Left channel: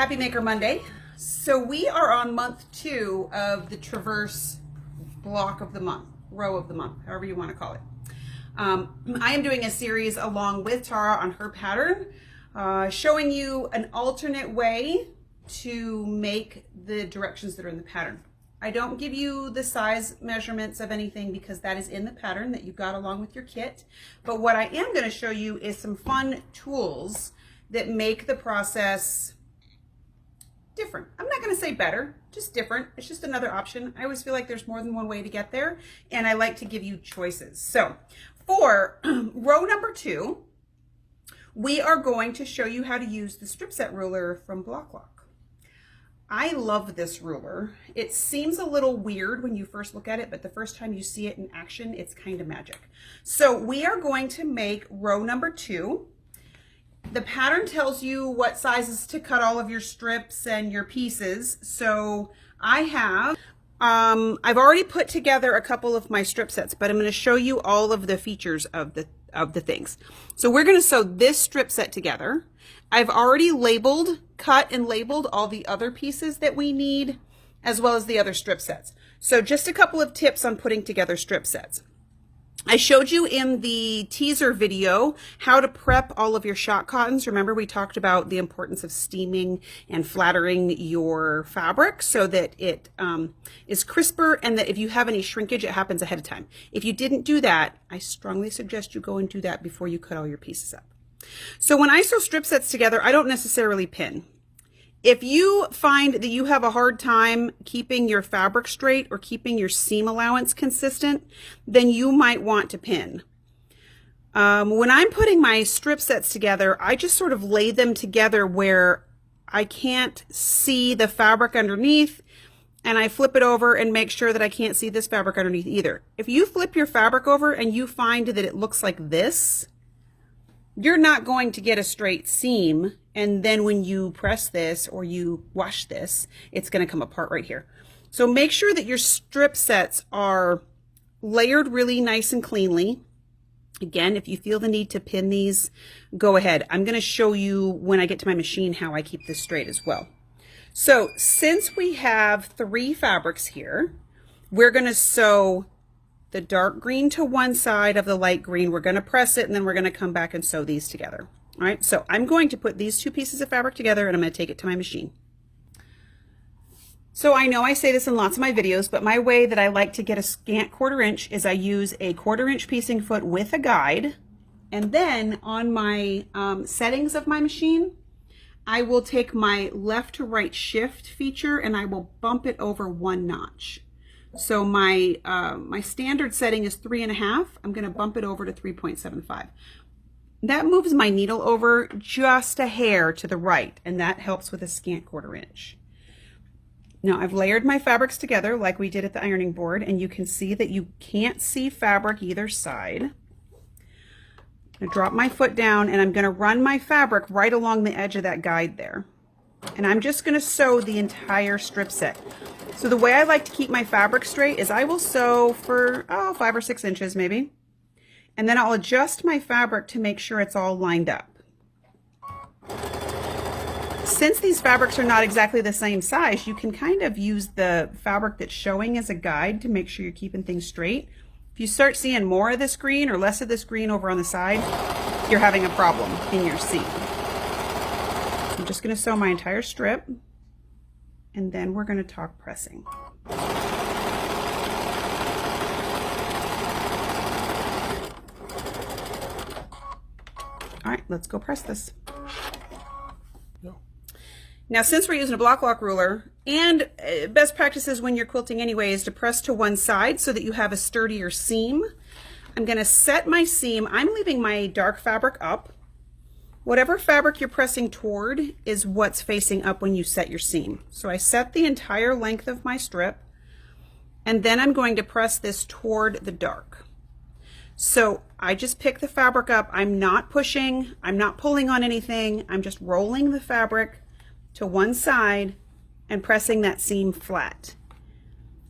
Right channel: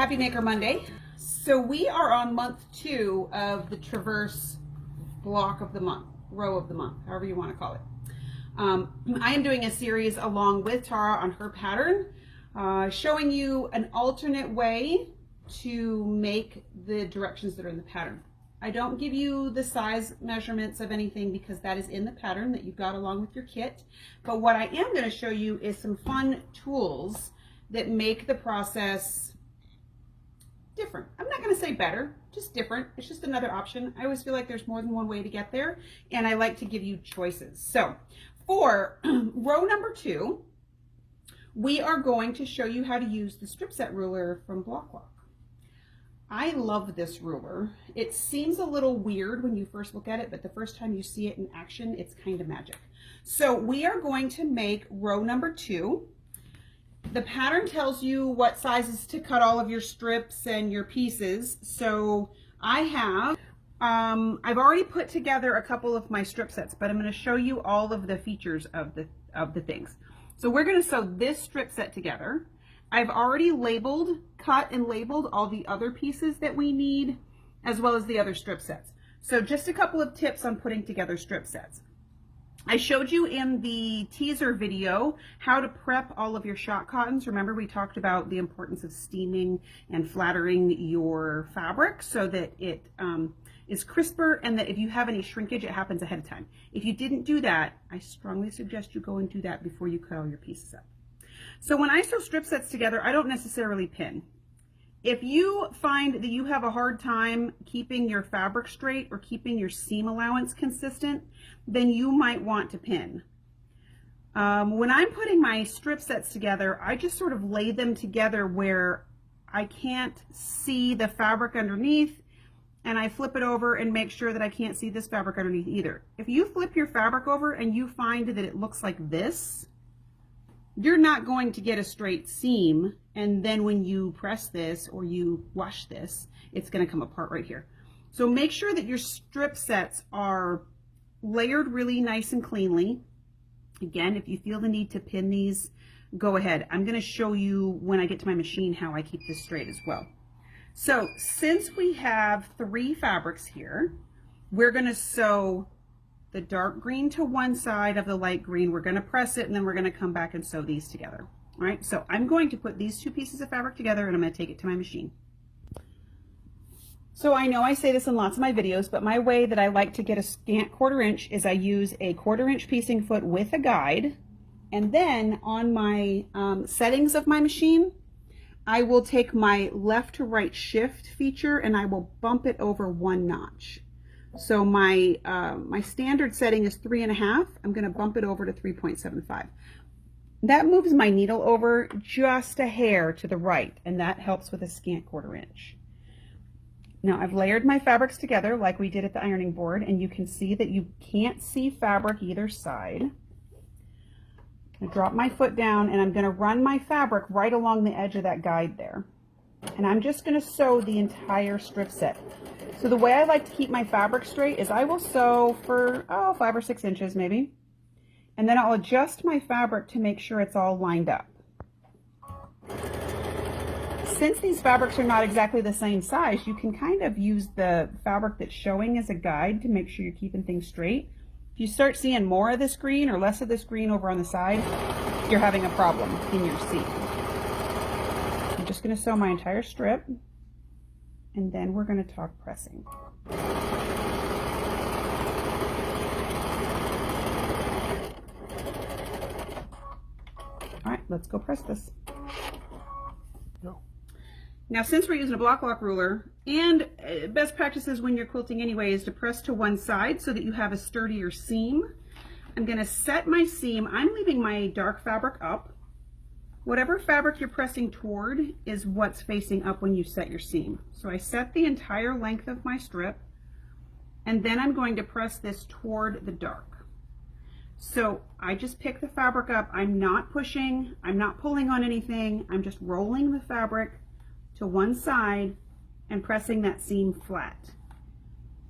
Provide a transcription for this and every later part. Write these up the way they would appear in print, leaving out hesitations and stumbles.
Happy Maker Monday. So we are on month 2 of the Traverse block of the month, row of the month, however you want to call it. I am doing a series along with Tara on her pattern, showing you an alternate way to make the directions that are in the pattern. I don't give you the size measurements of anything because that is in the pattern that you got along with your kit. But what I am going to show you is some fun tools that make the process different. I'm not going to say better, just different. It's just another option. I always feel like there's more than one way to get there, and I like to give you choices. So for row number 2, we are going to show you how to use the strip set ruler from BlockLock. I love this ruler. It seems a little weird when you first look at it, but the first time you see it in action, it's kind of magic. So we are going to make row number 2. The pattern tells you what sizes to cut all of your strips and your pieces. So I have, I've already put together a couple of my strip sets, but I'm going to show you all of the features of the things. So we're going to sew this strip set together. I've already cut and labeled all the other pieces that we need, as well as the other strip sets. So just a couple of tips on putting together strip sets. I showed you in the teaser video how to prep all of your shot cottons. Remember, we talked about the importance of steaming and flattering your fabric so that it is crisper, and that if you have any shrinkage, it happens ahead of time. If you didn't do that, I strongly suggest you go and do that before you cut all your pieces up. So when I sew strip sets together, I don't necessarily pin. If you find that you have a hard time keeping your fabric straight or keeping your seam allowance consistent, then you might want to pin. When I'm putting my strip sets together, I just sort of lay them together where I can't see the fabric underneath, and I flip it over and make sure that I can't see this fabric underneath either. If you flip your fabric over and you find that it looks like this, you're not going to get a straight seam, and then when you press this or you wash this, it's going to come apart right here. So make sure that your strip sets are layered really nice and cleanly. Again, if you feel the need to pin these, go ahead. I'm going to show you when I get to my machine how I keep this straight as well. So since we have 3 fabrics here, we're going to sew the dark green to one side of the light green. We're going to press it, and then we're going to come back and sew these together. All right, so I'm going to put these 2 pieces of fabric together, and I'm going to take it to my machine. So I know I say this in lots of my videos, but my way that I like to get a scant 1/4 inch is I use a 1/4 inch piecing foot with a guide, and then on my settings of my machine, I will take my left to right shift feature and I will bump it over 1 notch. So my standard setting is 3.5. I'm going to bump it over to 3.75. That moves my needle over just a hair to the right, and that helps with a scant 1/4 inch. Now I've layered my fabrics together like we did at the ironing board, and you can see that you can't see fabric either side. I'm going to drop my foot down, and I'm going to run my fabric right along the edge of that guide there. And I'm just going to sew the entire strip set. So the way I like to keep my fabric straight is I will sew for 5 or 6 inches maybe, and then I'll adjust my fabric to make sure it's all lined up. Since these fabrics are not exactly the same size, you can kind of use the fabric that's showing as a guide to make sure you're keeping things straight. If you start seeing more of this green or less of this green over on the side, you're having a problem in your seam. I'm just going to sew my entire strip, and then we're going to talk pressing. All right, let's go press this. No. Now, since we're using a BlockLock ruler, and best practices when you're quilting anyway is to press to one side so that you have a sturdier seam, I'm going to set my seam. I'm leaving my dark fabric up. Whatever fabric you're pressing toward is what's facing up when you set your seam. So I set the entire length of my strip, and then I'm going to press this toward the dark. So I just pick the fabric up. I'm not pushing, I'm not pulling on anything. I'm just rolling the fabric to one side and pressing that seam flat.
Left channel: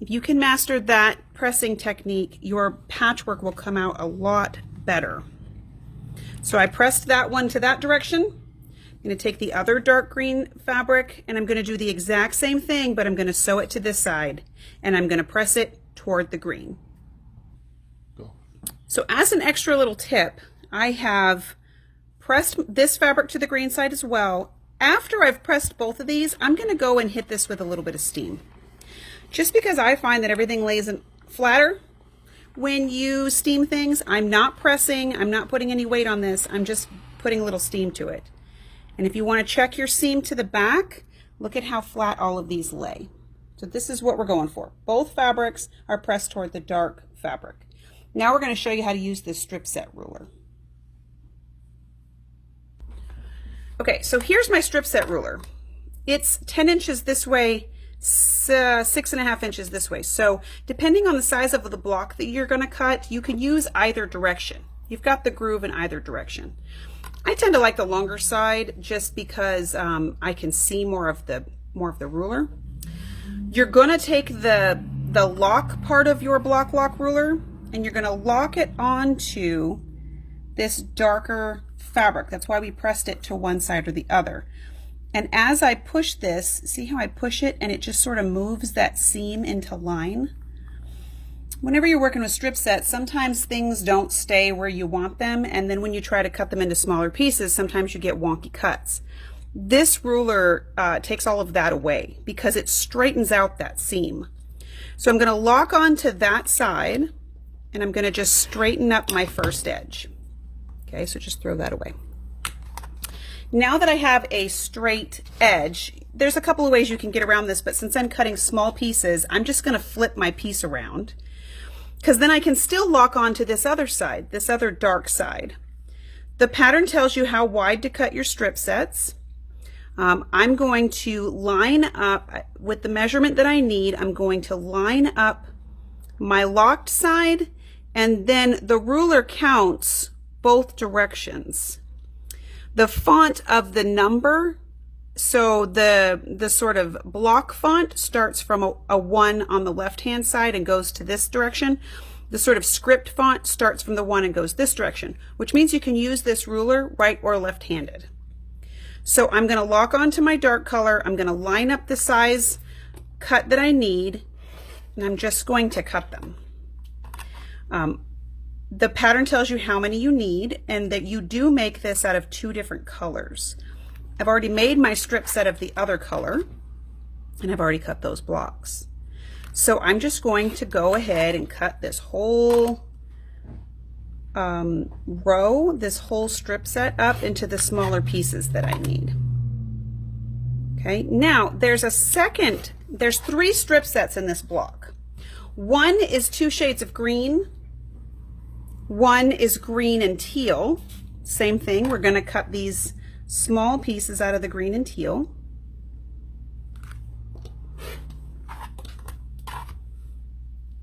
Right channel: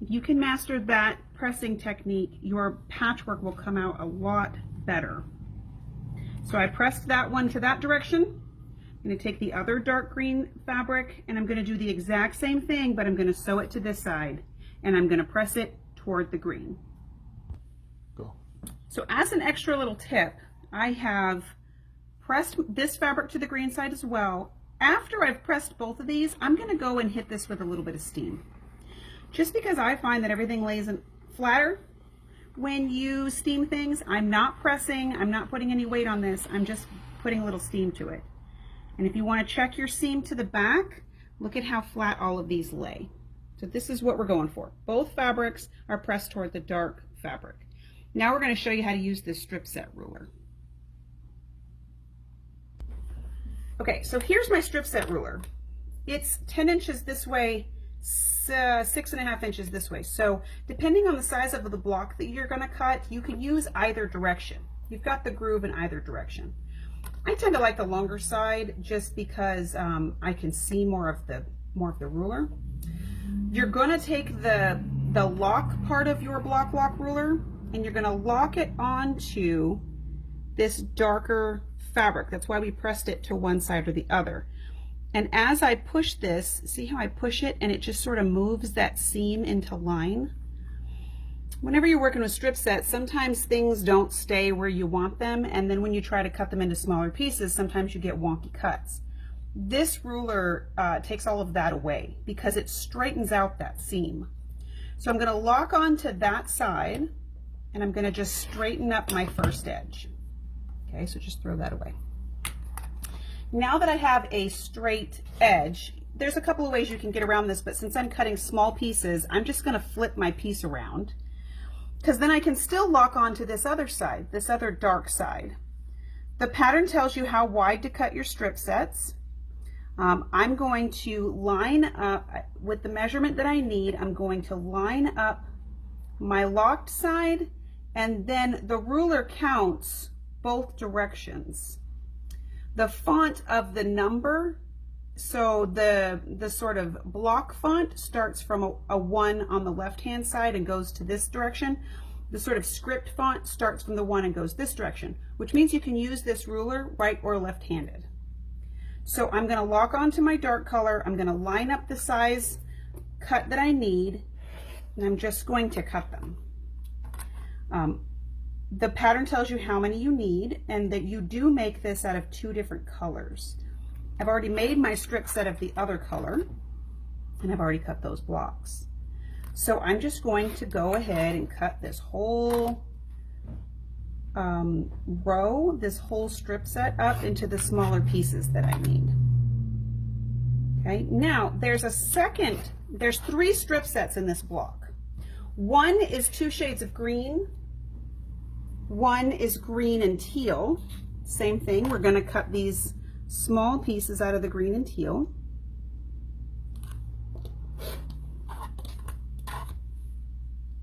If you can master that pressing technique, your patchwork will come out a lot better. So I pressed that one to that direction. I'm going to take the other dark green fabric and I'm going to do the exact same thing, but I'm going to sew it to this side and I'm going to press it toward the green. Go. So as an extra little tip, I have pressed this fabric to the green side as well. After I've pressed both of these, I'm going to go and hit this with a little bit of steam. Just because I find that everything lays flatter when you steam things. I'm not pressing, I'm not putting any weight on this, I'm just putting a little steam to it. And if you want to check your seam to the back, look at how flat all of these lay. So this is what we're going for. Both fabrics are pressed toward the dark fabric. Now we're going to show you how to use this strip set ruler. Okay, so here's my strip set ruler. It's 10 inches this way, 6.5 inches this way. So depending on the size of the block that you're going to cut, you can use either direction. You've got the groove in either direction. I tend to like the longer side just because I can see more of the ruler. You're going to take the lock part of your block lock ruler and you're going to lock it onto this darker fabric. That's why we pressed it to one side or the other. And as I push this, see how I push it and it just sort of moves that seam into line? Whenever you're working with strip sets, sometimes things don't stay where you want them, and then when you try to cut them into smaller pieces, sometimes you get wonky cuts. This ruler takes all of that away because it straightens out that seam. So I'm going to lock onto that side and I'm going to just straighten up my first edge. Okay, so just throw that away. Now that I have a straight edge, there's a couple of ways you can get around this, but since I'm cutting small pieces, I'm just going to flip my piece around because then I can still lock onto this other side, this other dark side. The pattern tells you how wide to cut your strip sets. I'm going to line up with the measurement that I need. I'm going to line up my locked side, and then the ruler counts both directions. The font of the number, so the sort of block font starts from a 1 on the left hand side and goes to this direction. The sort of script font starts from the 1 and goes this direction, which means you can use this ruler right or left handed. So I'm going to lock onto my dark color. I'm going to line up the size cut that I need, and I'm just going to cut them. The pattern tells you how many you need and that you do make this out of 2 different colors. I've already made my strip set of the other color and I've already cut those blocks. So I'm just going to go ahead and cut this whole row, this whole strip set up into the smaller pieces that I need. Okay, now there's 3 strip sets in this block. One is 2 shades of green. One is green and teal. Same thing, we're going to cut these small pieces out of the green and teal.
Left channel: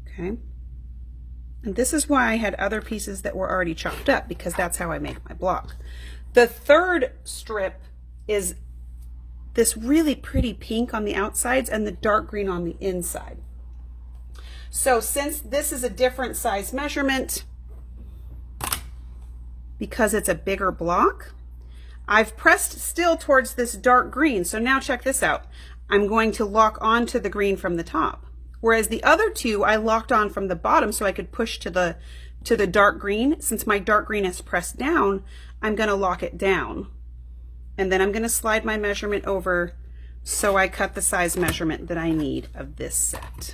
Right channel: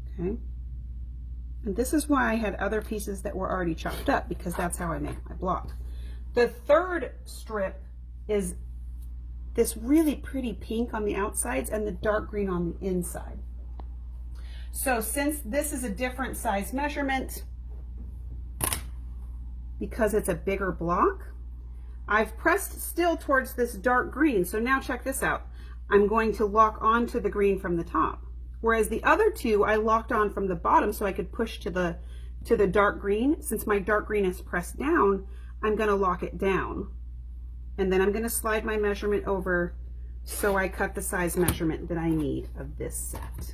Okay. And this is why I had other pieces that were already chopped up, because that's how I make my block. The third strip is this really pretty pink on the outsides and the dark green on the inside. So since this is a different size measurement, because it's a bigger block, I've pressed still towards this dark green. So now check this out. I'm going to lock onto the green from the top. Whereas the other 2 I locked on from the bottom so I could push to the dark green. Since my dark green is pressed down, I'm going to lock it down. And then I'm going to slide my measurement over so I cut the size measurement that I need of this set.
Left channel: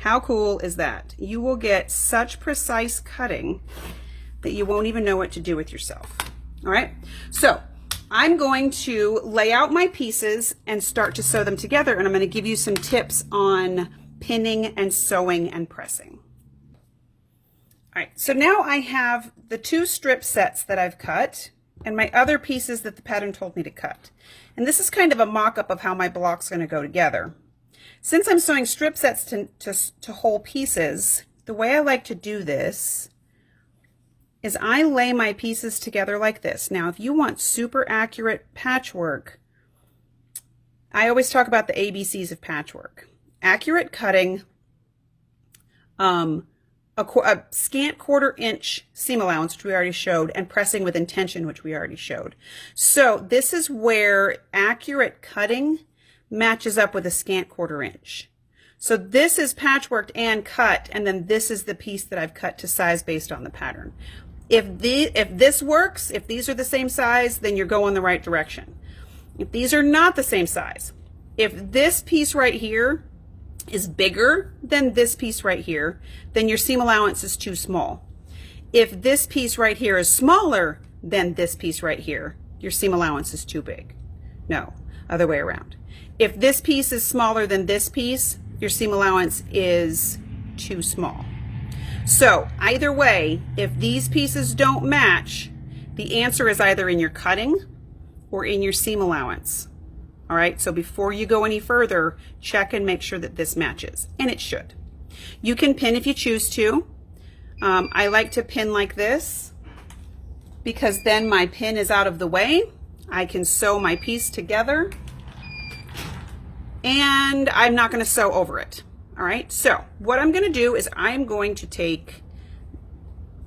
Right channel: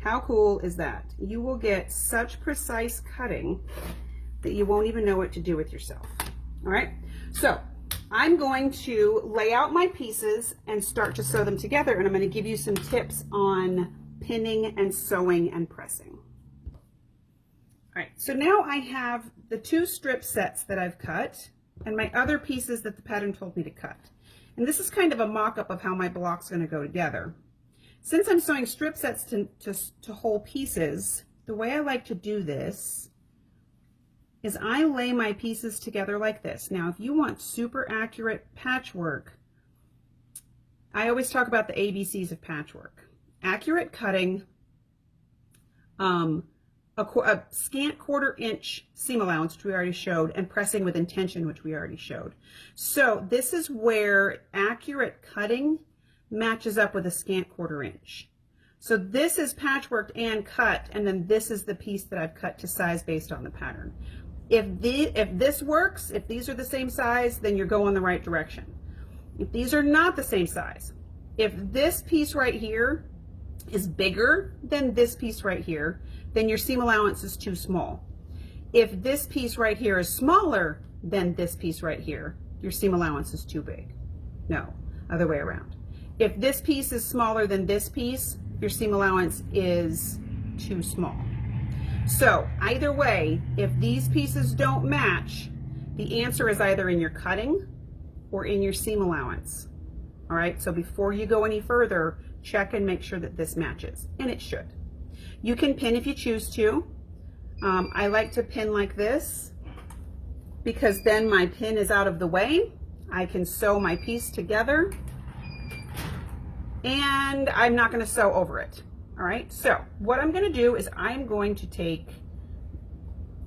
How cool is that? You will get such precise cutting that you won't even know what to do with yourself. All right, so I'm going to lay out my pieces and start to sew them together, and I'm going to give you some tips on pinning and sewing and pressing. All right, so now I have the 2 strip sets that I've cut and my other pieces that the pattern told me to cut. And this is kind of a mock-up of how my block's going to go together. Since I'm sewing strip sets to whole pieces, the way I like to do this is I lay my pieces together like this. Now, if you want super accurate patchwork, I always talk about the ABCs of patchwork. Accurate cutting, a scant 1/4 inch seam allowance, which we already showed, and pressing with intention, which we already showed. So this is where accurate cutting matches up with a scant 1/4 inch. So this is patchworked and cut, and then this is the piece that I've cut to size based on the pattern. If this works, if these are the same size, then you're going the right direction. If these are not the same size, if this piece right here is bigger than this piece right here, then your seam allowance is too small. If this piece right here is smaller than this piece right here, your seam allowance is too big. No, other way around. If this piece is smaller than this piece, your seam allowance is too small. So either way, if these pieces don't match, the answer is either in your cutting or in your seam allowance. All right, so before you go any further, check and make sure that this matches, and it should. You can pin if you choose to. I like to pin like this because then my pin is out of the way. I can sew my piece together and I'm not going to sew over it. All right, so what I'm going to do is I'm going to take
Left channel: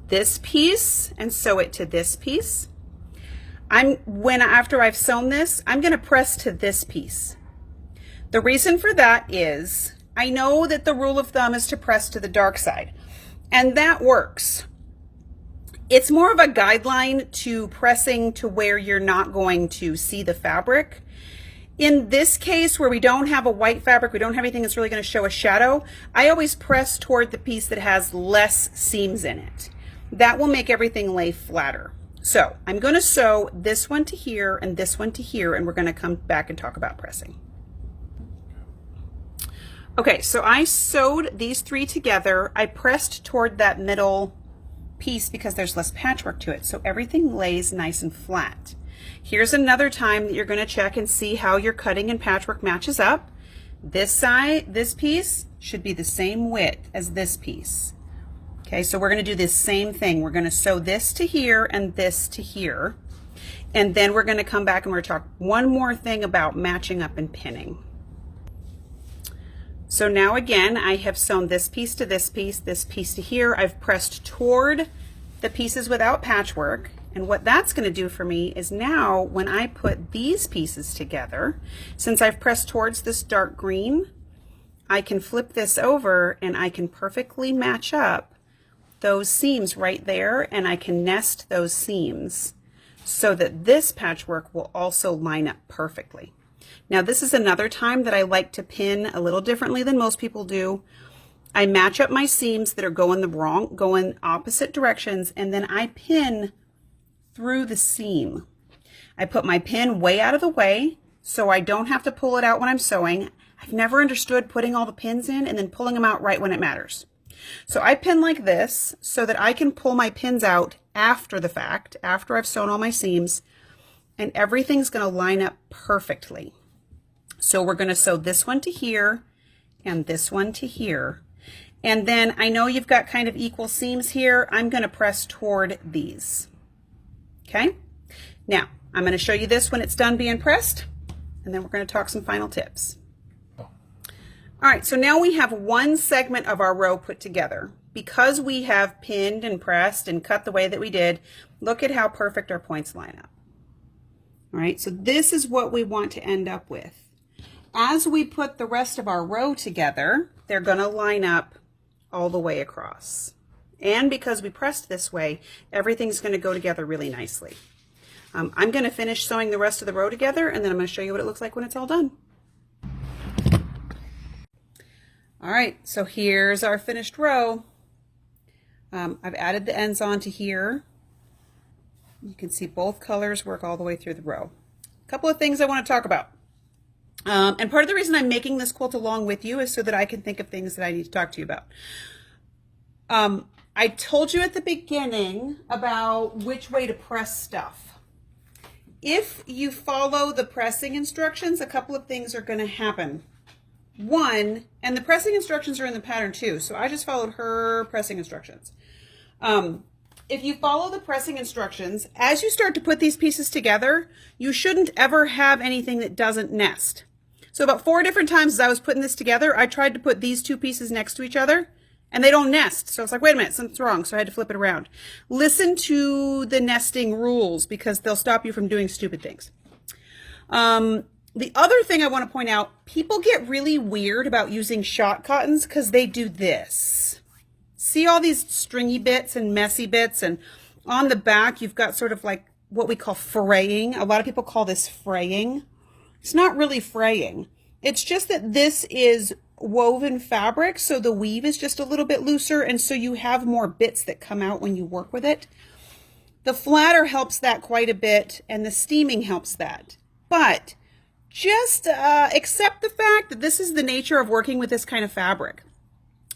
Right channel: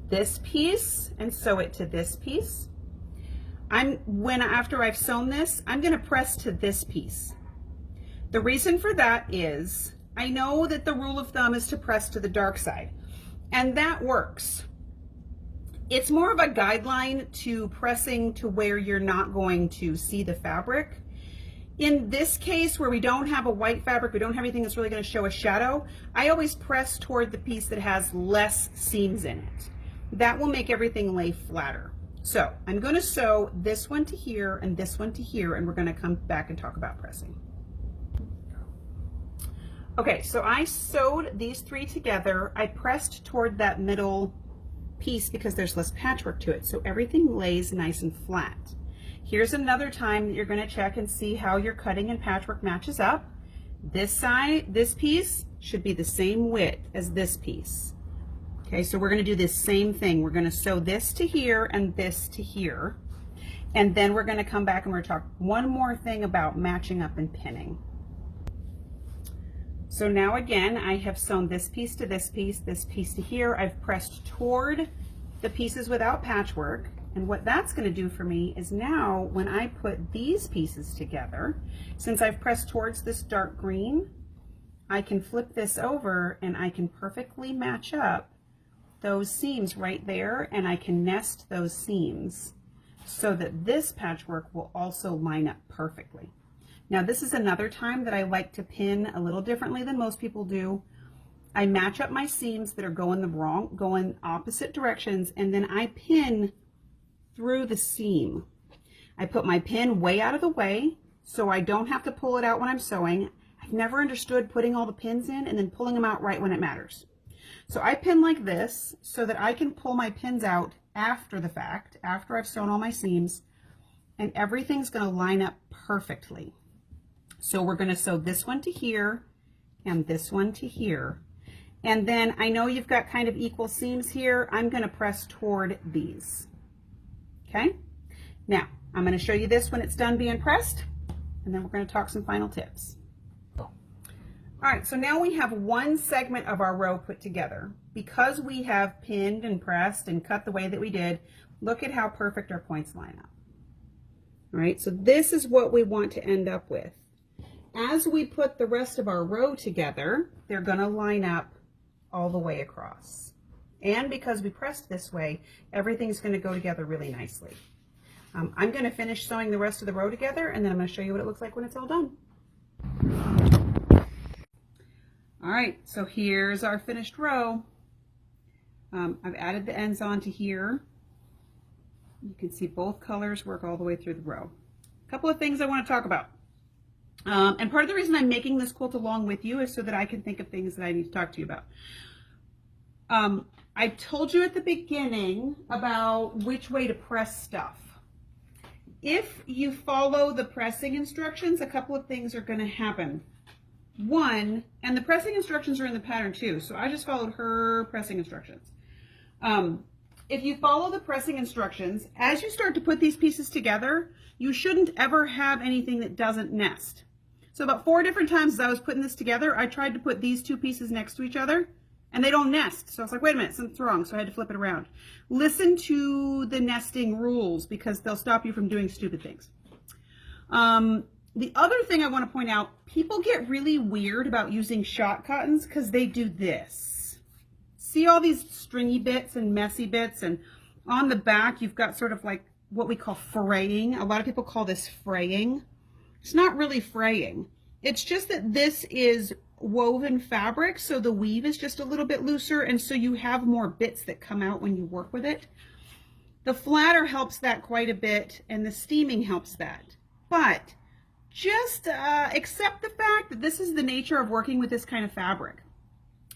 this piece and sew it to this piece. After I've sewn this, I'm going to press to this piece. The reason for that is I know that the rule of thumb is to press to the dark side, and that works. It's more of a guideline to pressing to where you're not going to see the fabric. In this case, where we don't have a white fabric, we don't have anything that's really going to show a shadow, I always press toward the piece that has less seams in it. That will make everything lay flatter. So I'm going to sew this one to here and this one to here, and we're going to come back and talk about pressing. Okay, so I sewed these 3 together. I pressed toward that middle piece because there's less patchwork to it, so everything lays nice and flat. Here's another time that you're going to check and see how your cutting and patchwork matches up. This side, this piece should be the same width as this piece. Okay, so we're going to do this same thing. We're going to sew this to here and this to here. And then we're going to come back and we're going to talk one more thing about matching up and pinning. So now again, I have sewn this piece to this piece to here. I've pressed toward the pieces without patchwork. And what that's going to do for me is now when I put these pieces together, since I've pressed towards this dark green, I can flip this over and I can perfectly match up those seams right there, and I can nest those seams so that this patchwork will also line up perfectly. Now this is another time that I like to pin a little differently than most people do. I match up my seams that are going opposite directions, and then I pin through the seam. I put my pin way out of the way so I don't have to pull it out when I'm sewing. I've never understood putting all the pins in and then pulling them out right when it matters. So I pin like this so that I can pull my pins out after the fact, after I've sewn all my seams, and everything's going to line up perfectly. So we're going to sew this one to here and this one to here. And then I know you've got kind of equal seams here. I'm going to press toward these. Okay, now I'm going to show you this when it's done being pressed, and then we're going to talk some final tips. All right, so now we have one segment of our row put together. Because we have pinned and pressed and cut the way that we did, look at how perfect our points line up. All right, so this is what we want to end up with. As we put the rest of our row together, they're going to line up all the way across. And because we pressed this way, everything's going to go together really nicely. I'm going to finish sewing the rest of the row together, and then I'm going to show you what it looks like when it's all done. All right, so here's our finished row. I've added the ends onto here. You can see both colors work all the way through the row. A couple of things I want to talk about. And part of the reason I'm making this quilt along with you is so that I can think of things that I need to talk to you about. I told you at the beginning about which way to press stuff. If you follow the pressing instructions, a couple of things are going to happen. One, and the pressing instructions are in the pattern too, so I just followed her pressing instructions. If you follow the pressing instructions, as you start to put these pieces together, you shouldn't ever have anything that doesn't nest. So about 4 different times as I was putting this together, I tried to put these 2 pieces next to each other, And they don't nest. So it's like, wait a minute, something's wrong. So I had to flip it around. Listen to the nesting rules because they'll stop you from doing stupid things. The other thing I want to point out, people get really weird about using shot cottons because they do this. See all these stringy bits and messy bits, and on the back you've got sort of like what we call fraying. A lot of people call this fraying. It's not really fraying. It's just that this is woven fabric, so the weave is just a little bit looser, and so you have more bits that come out when you work with it. The flatter helps that quite a bit, and the steaming helps that. But just accept the fact that this is the nature of working with this kind of fabric.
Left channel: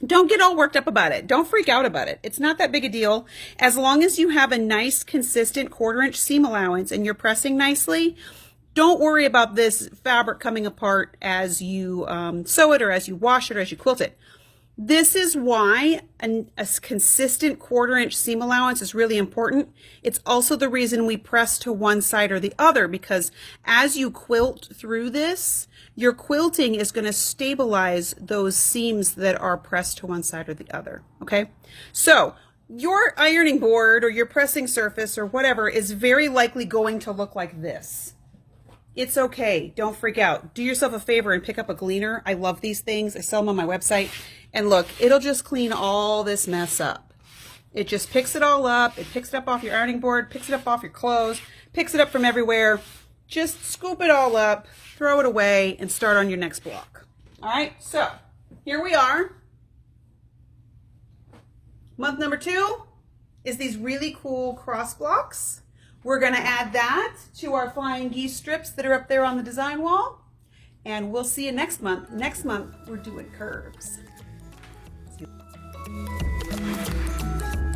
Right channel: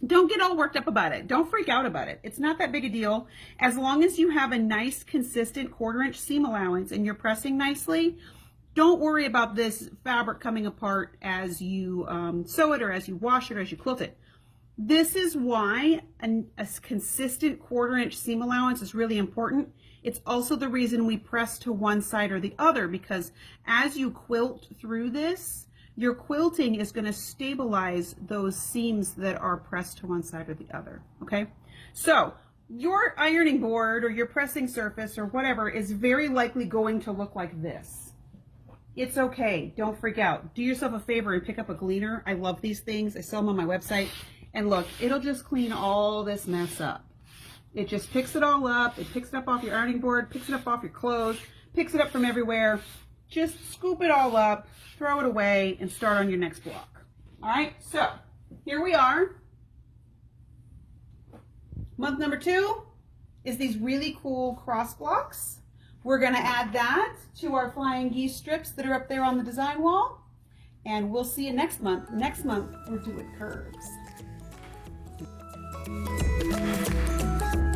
Don't get all worked up about it. Don't freak out about it. It's not that big a deal. As long as you have a nice, consistent 1/4 inch seam allowance and you're pressing nicely, don't worry about this fabric coming apart as you sew it or as you wash it or as you quilt it. This is why a consistent 1/4 inch seam allowance is really important. It's also the reason we press to one side or the other, because as you quilt through this, your quilting is going to stabilize those seams that are pressed to one side or the other, okay? So your ironing board or your pressing surface or whatever is very likely going to look like this. It's okay. Don't freak out. Do yourself a favor and pick up a gleaner. I love these things. I sell them on my website. And look, it'll just clean all this mess up. It just picks it all up. It picks it up off your ironing board, picks it up off your clothes, picks it up from everywhere. Just scoop it all up, throw it away, and start on your next block. All right, so here we are. Month number 2 is these really cool cross blocks. We're going to add that to our flying geese strips that are up there on the design wall. And we'll see you next month. Next month, we're doing curves.